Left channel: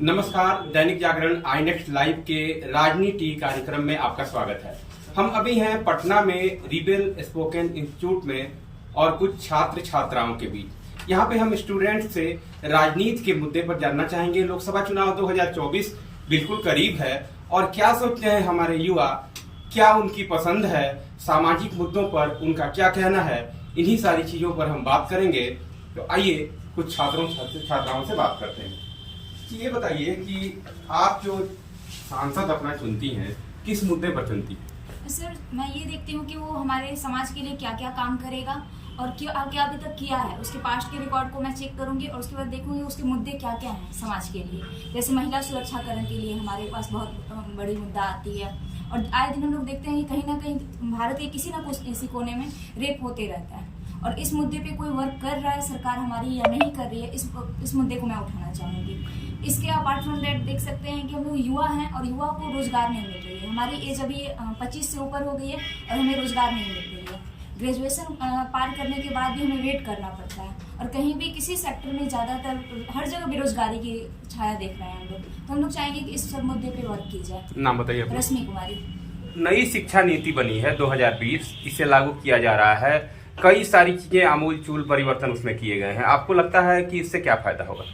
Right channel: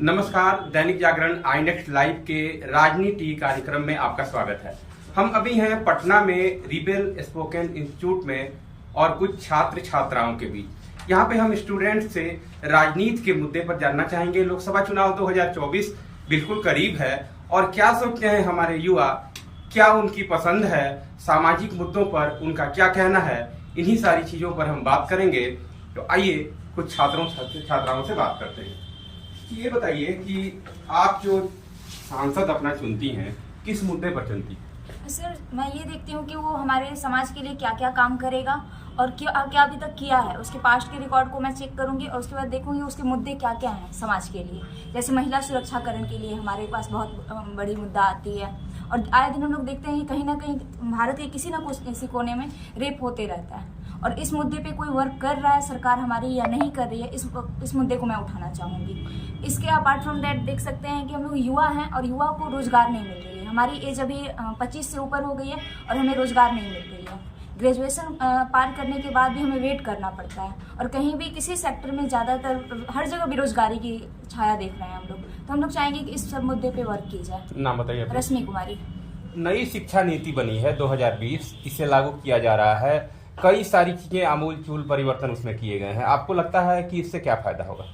नमस्कार, दैनिक जागरण आई next live के राजनीति कार्यक्रम में आपका स्वागत है। हम अभी हैं पटना में रिबेल स्पोकन इंस्टीट्यूट में और कुछ छात्र छात्राओं के बीच। यहाँ पे हम स्टूडेंट से राजनीति के मुद्दे पर जानना चाहेंगे। लोकसभा चुनाव 2024 बिल्कुल करीब है और क्या सोचते हैं हमारे युवा, क्या उनकी पसंद है, सामाजिक मुद्दों पर उनका क्या कहना है, इन्हीं सारी चीजों पर हम बात करेंगे। तो आइए कुछ छात्राओं से बात करते हैं। ये बताइए कि आप जो सांसद अपना चुनती हैं, किस मुद्दे पर चुनती हैं? सर, मैं ये देखती हूँ कि वो हमारे समाज के लिए क्या क्या काम करेगा और क्या अभी तक किया है। उसके पास्ट के रिकॉर्ड को मैं चेक करूंगी और उसके बाद देखूंगी उसके मुद्दे क्या क्या हैं समाज के लिए। जैसे महिला सुरक्षाकरण के लिए हमारे पास बहुत बड़ी मुद्दा आती है और आए दिन हम लोग देखते हैं कि कहीं ना कहीं भारत के किसी न किसी कोने में रेप होते रहता है और इस मुद्दे पे कोई वर्क कर रहा है सरकार हमारी या नहीं कर रही है, इस मुद्दे को मैं उठाना चाहूंगी। इसके अपार्ट फ्रॉम दैट देख सकते हैं कि हम लोग युवा हैं और युवा को रोजगार नहीं मिल रही है। हमारी एज अभी 25 से ऊपर हो गई है और हमें रोजगार नहीं मिल रही है। ग्रेजुएशन पार करने के बाद भी हमें वेट करना पड़ता है और कहीं भी किसी सेक्टर में ज़्यादातर हर जगह बेरोजगारी की छाया देख रहे हैं हम लोग। तो हम लोग चाहेंगे कि इस सब मुद्दे पे वर्क की जाए। नाम बताइए। रश्मि कुमारी। नई शिक्षा नीति बनी है 2020, इसे लागू किया जा रहा है। कई सारी चीजें आमूल चूल परिवर्तन उसमें किए गए हैं। आपको लगता है कि इससे क्या फायदा होगा?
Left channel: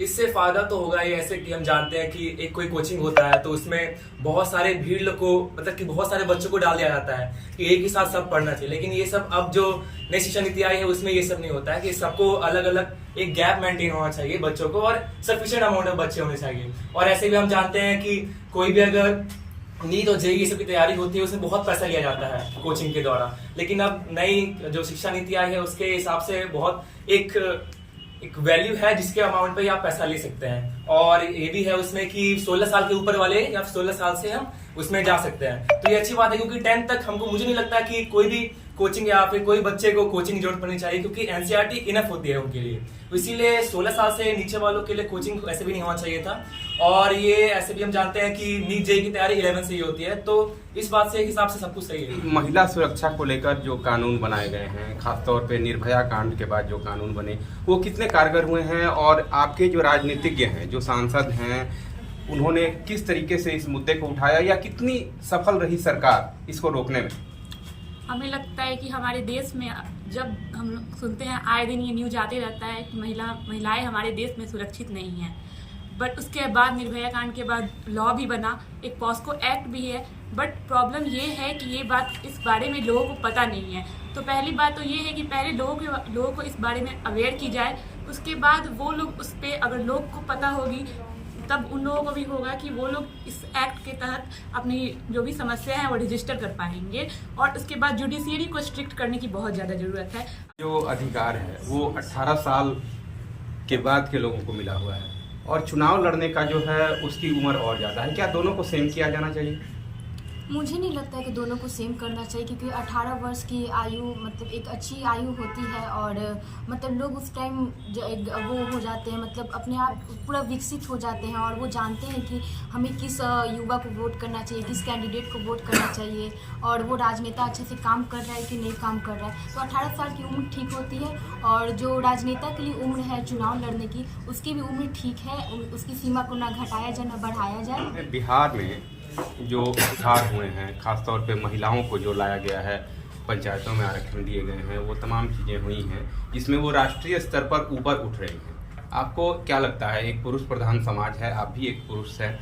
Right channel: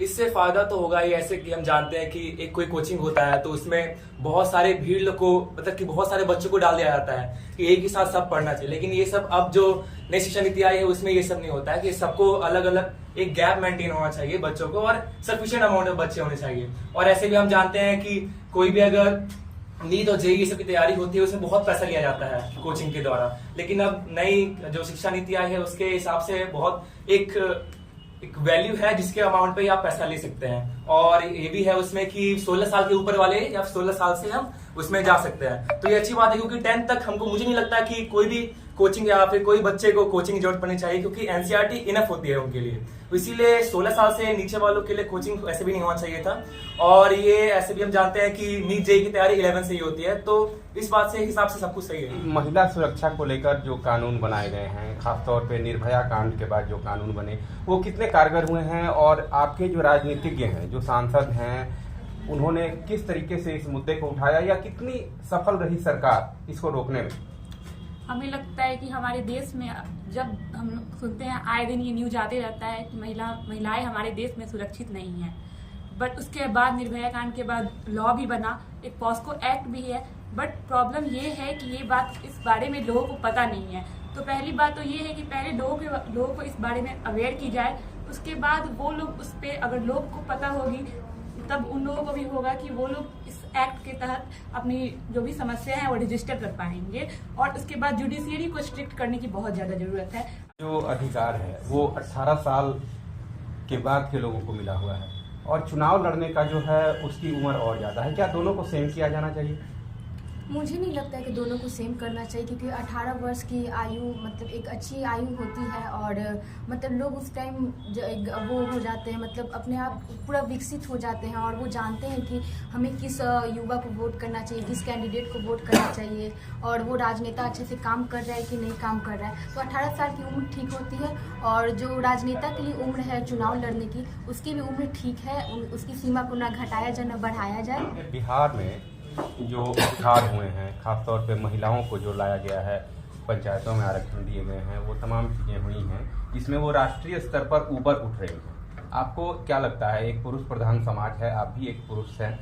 इससे फायदा तो होगा ही। ऐसे कि हम जानते हैं कि एक कोई कोचिंग होता है तो उसमें बहुत सारे भीड़ को मतलब कि बहुत सारे बच्चों को डाल दिया जाता है कि एक ही साथ सब पढ़ना चाहिए। लेकिन ये सब अब जो नई शिक्षा नीति आई है उसमें ये सब नहीं होता है कि सबको अलग अलग एक गैप मेंटेन होना चाहिए बच्चों को और सफिशिएंट अमाउंट में बच्चे होने चाहिए। और ऐसे भी हम जानते हैं कि कोई भी अगर नीट और जेईई सब की तैयारी होती है उसमें बहुत पैसा लिया जाता है कोचिंग के द्वारा। लेकिन अब नई जो शिक्षा नीति आई है उसके हिसाब से बहुत एक वैल्यू है जिसके अमाउंट पे आप पैसा ले सकते हैं। और ये भी है उसमें कि 16 साल के ऊपर वाले या 16 साल से हम उसमें जा सकते हैं। तो ये अच्छी बात है क्योंकि 10th तक मुझे नहीं लगता कि कोई भी कोचिंग या फिर कोई बच्चे को कोचिंग की जरूरत पड़नी चाहिए क्योंकि एनसीईआरटी इनफ होती है उनके लिए। तो इसीलिए 16 साल से नीचे वालों के लिए कोचिंग ऐसे भी नहीं होना चाहिए था। और ये ऐसे भी हम जानते हैं कि नीट जेईई की तैयारी 11 से ही होती है। तो इस बात से हिसाब से सब कुछ सही है। महिला सुरक्षा को लेकर जो कानून बनाए गए हैं, खासतौर पे निर्भया कांड के बाद जो कानून बने, वो कितने कारगर हुए हैं? और आपके जो राजनीतिज्ञ हैं, जो सांसद हैं, उन्होंने किस तरीके से इस मुद्दे को उठाया या कितनी सफल रही सरकार इसको रोकने में? हमें लगता है कि हमारे देश में जब हम सुनते हैं आए दिन ये न्यूज आते रहता है कि महिलाएं हमारे देश में सुरक्षित नहीं हैं। बट उसके बाद निर्भया कांड के बाद लॉ भी बना, एक पॉस्को एक्ट भी है। बट प्रॉब्लम ये है कि ये बात इस बारे में लोगों को पता नहीं है। तो पहली बात तो ये है कि पहले लोगों को इस बारे में अवेयर की जाए। उसके बाद वो लोग उस पर अगर लोग को पता होगी तब उन लोगों को भी होगा कि वो लोग इस एक्ट के तहत अपनी जो भी समस्या है वो रजिस्टर कर पाएंगे। और उसके बाद जुडिशियरी को स्ट्रिक्ट करने की बहुत ज़्यादा ज़रूरत है। जो अधिकार है वो 18 साल के बाद के लोगों को मिला हुआ है और चुनाव लड़ने का जो है उसकी उम्र और ज़्यादा है। क्या दोनों को सेम किया जाना चाहिए? मुझे नहीं लगता है कि दोनों को सेम करना चाहिए क्योंकि 18 वर्ष की आयु मतलब एक अच्छी आयु होती है और मतलब लोग उस टाइम वो हो जाते हैं, मतलब अपने आप पूरा विकसित हो जाते हैं और वो जानते हैं कि हमें किस युवा को वोट करना चाहिए, किस कैंडिडेट को वोट करना चाहिए और वो राजनेता अच्छे से काम कर रहा है कि नहीं काम कर रहा है। तो 18 साल की उम्र ठीक होती है और जो राजनेता के लिए उम्र है चुनाव लड़ने की, उसकी भी उम्र ठीक है। उसकी सीमा को ना घटाया जाए ना बढ़ाया जाए। बिहार में जो सुधार हुए हैं, खासतौर पे महिलाओं को जो लाया गया है, पंचायतों में आरक्षण दिए गए हैं, वो तमाम चीज़ें हुई हैं जिसमें वो राष्ट्रीय स्तर पर ऊपर उठ रही हैं। आपको क्या लगता है, एक पुरुष प्रधान समाज है, आप भी एक पुरुष हैं,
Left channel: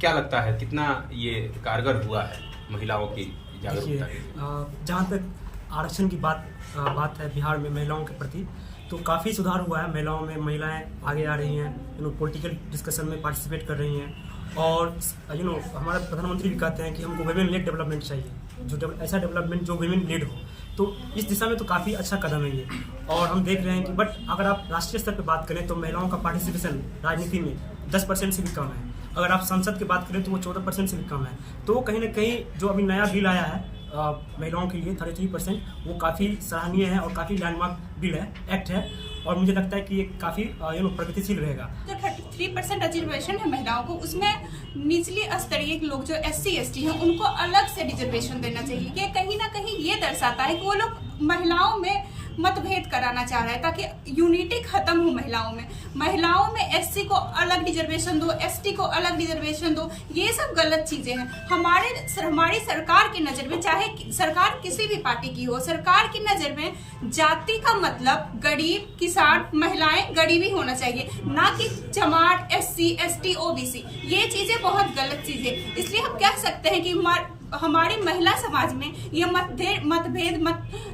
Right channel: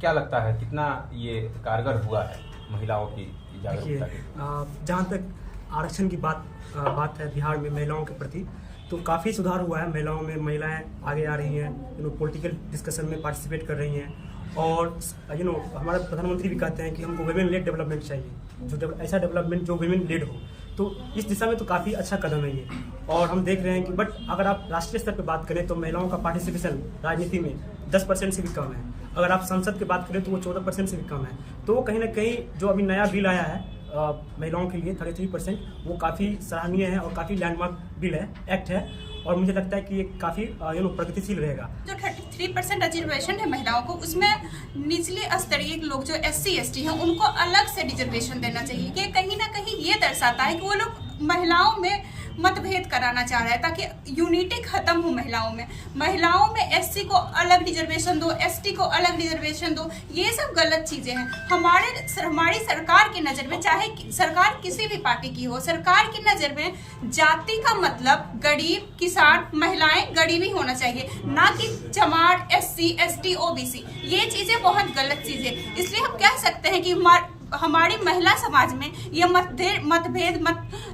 क्या लगता है कितना ये कारगर हुआ है महिलाओं की जागरूकता? जहाँ तक आरक्षण की बात है बिहार में महिलाओं के प्रति, तो काफ़ी सुधार हुआ है। महिलाएं आगे आ रही हैं, पॉलिटिकल डिस्कशन में पार्टिसिपेट कर रही हैं और हमारे प्रधानमंत्री भी कहते हैं कि हमको वुमेन लेड डेवलपमेंट चाहिए, जो ऐसा डेवलपमेंट जो वुमेन लेड हो। तो इस दिशा में तो काफ़ी अच्छा कदम है ये। और हम देख रहे हैं कि बट अगर आप राष्ट्रीय स्तर पर बात करें तो महिलाओं का पार्टिसिपेशन राजनीति में 10% से भी कम है। अगर आप संसद की बात करें तो वो 14% से भी कम है। तो कहीं ना कहीं जो अभी नया बिल आया है महिलाओं के लिए 33%, वो काफ़ी सराहनीय है और काफ़ी लैंडमार्क बिल है, एक्ट है। और मुझे लगता है कि ये काफ़ी प्रगतिशील रहेगा। जो 33% रिजर्वेशन है महिलाओं को, उसमें निचले स्तरीय लोग जो SC ST हैं उनको अलग से रिजर्वेशन देना चाहिए। कि कहीं ना कहीं ये दर्शाता है कि वो लोग महिलाओं में मतभेद कराना चाह रहा है ताकि यूनिटी खत्म हो महिलाओं में एससी को अलग रिजर्वेशन दो, एसटी को अलग रिजर्वेशन दो, ये सब गलत चीजें हैं। हमारी सरकार की नजर में, चाहे सरकार किसी भी पार्टी की हो, सरकार की नजर में जाति का मतलब गरीब, किसान, महिलाएं गरीब ही होना चाहिए, ना कि जमात, एससी, एसटी, ओबीसी। ये चीजें बहुत गलत चीजें। इसलिए हम कह सकते हैं कि हमारी महिला समाज में ये मतभेद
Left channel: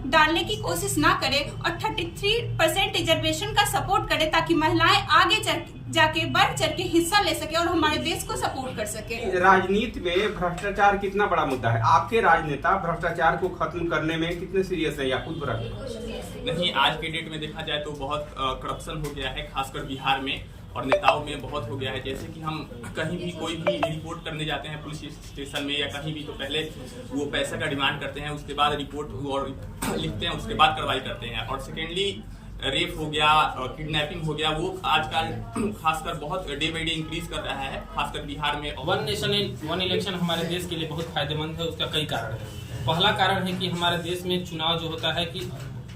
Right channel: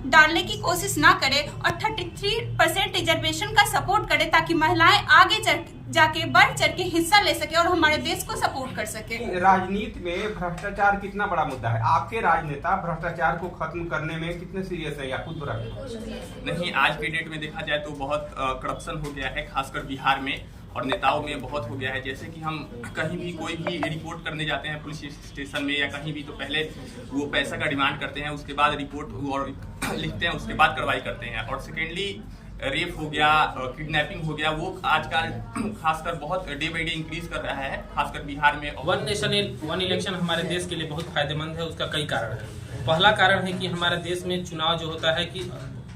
डालने की कोशिश ना करे और 33% रिजर्वेशन का सपोर्ट करे ताकि महिलाएं आगे जाके बढ़ चढ़ के हिस्सा ले सके और हमारे देश को सपोर्ट कर सके। राजनीति में भ्रष्टाचार कितना बड़ा मुद्दा है? आपके राजनेता भ्रष्टाचार को खत्म करने में कितने सीरियस है या खुद बुरा है? नहीं, आज के डेट में देखा जाए तो बहुत करप्शन हो गया है, खासकर बिहार में, और नेताओं में बहुत हो गया है। जैसे कि हम कहीं भी कोई भी रिपोर्ट करने जाते हैं पुलिस स्टेशन में या कहीं भी, तो पहले वो पैसा का डिमांड करते हैं, उसके बाद रिपोर्ट और लिखते हैं, उसके बाद कार्रवाई करते हैं। और सेकेंडली रेप हो गया, किडनैपिंग हो गया, वो आजकल खासकर बहुत डे बाई डे इंक्रीज कर रहा है, खासकर बिहार में। वन नेशन वन इलेक्शन हमारे देश के लिए बहुत फायदेमंद है। उसका कई कारण है। पहला कारण है कि हमारे देश में चुनाव जो होता है कि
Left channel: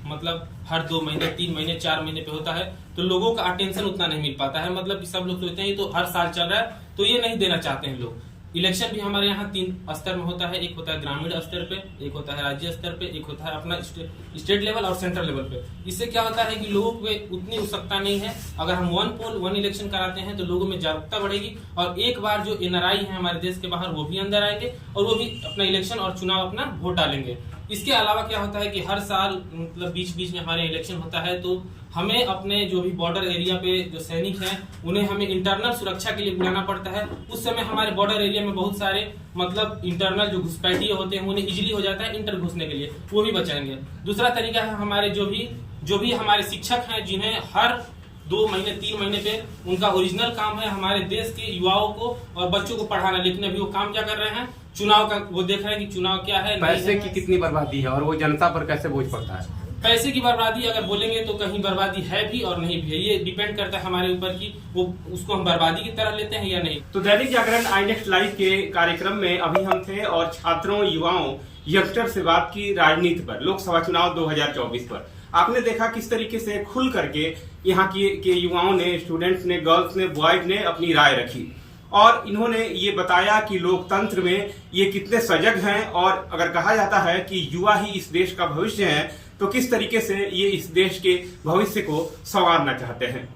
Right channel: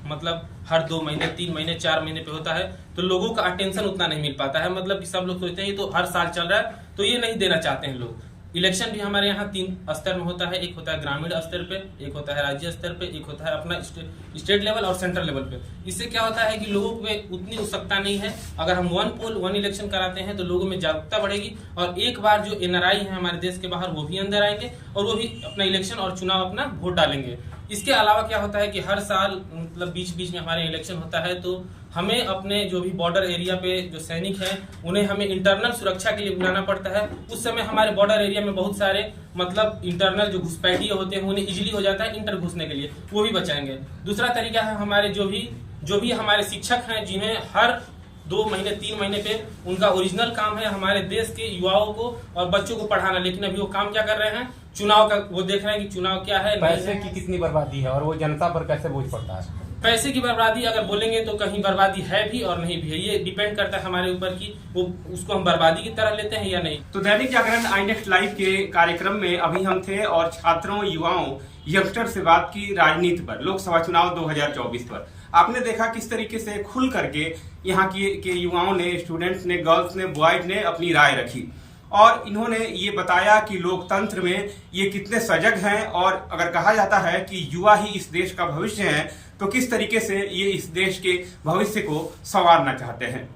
मतलब हर 2 महीने, 3 महीने, 4 महीने पे होता है, तो लोगों का अटेंशन उतना नहीं मिल पाता है। मतलब कि सब लोग सोचते हैं तो हर साल चल रहा है, तो ये नहीं देना चाहते हैं लोग। इलेक्शन भी हमारे यहाँ 3 स्तर में होता है। एक होता है ग्रामीण स्तर पे, एक होता है राज्य स्तर पे, एक होता है अपना स्टेट लेवल और सेंट्रल लेवल पे। इससे क्या होता है कि लोगों पे उतनी उत्सुकता नहीं है। अगर हम 1 पोल 1 इलेक्शन कराते हैं तो लोगों में जागरूकता बढ़ेगी और एक बार जो एनआरआई है हमारे देश के बाहर वो भी अंदर आएंगे और वो भी अपना इलेक्शन और चुनाव अपना वोट डालेंगे। इसके अलावा क्या होता है कि हर साल मतलब बीच बीच में हमारे इलेक्शन होता है, तो हमें अपने जो भी बॉर्डर एरिया पे जो सैनिक हैं उन्हें हमें इंटरनल सुरक्षा के लिए बुलाना पड़ता है। उस समय हमारे बॉर्डर एरिया में बहुत सारे मतलब इंटरनल जो घुसपैठिए होते हैं उन्हें इजीली हो जाता है इंटर घुसने के लिए, वो भी बचाएंगे। दूसरा तरीका है हमारे जो भी हमारे शिक्षक हैं जिन्हें हर 2 महीने 3 महीने पे उनका ओरिजिनल काम है हमारे देश के युवाओं को और बच्चों को पढ़ाना, लेकिन अभी वो काम क्या कर रहे हैं, चुनाव का वो देख रहे हैं कि चुनाव क्या है, पैसे की कितनी बर्बादी है और वो जनता पर कैसे बोझ पड़ता है। पैसे की बर्बादी अगर बोलेंगे तो कहीं बर्बादी है भी और नहीं भी है। ये डिपेंड करता है हमारे ऊपर कि वो उसको हम बर्बादी की तरह लेते हैं या नहीं। तो दैनिक जागरण आई नेक्स्ट लाइव के कार्यक्रम में अभी हम थे और छात्रों, युवाओं, यंगस्टर से बात की राजनीति पर, लोकसभा चुनाव 2024 पर। आपने देखा किस तरीके से खुल करके यहाँ के युवाओं ने, स्टूडेंट्स ने, गर्ल्स ने, बॉयज ने अपनी राय रखी और इन्होंने ये बताया कि लोकतंत्र में ये कितने सजग हैं और अगर कहा जाता है कि युवा ही इस देश का भविष्य है, तो किस तरीके से ये इस देश के भविष्य को संवारना चाहते हैं।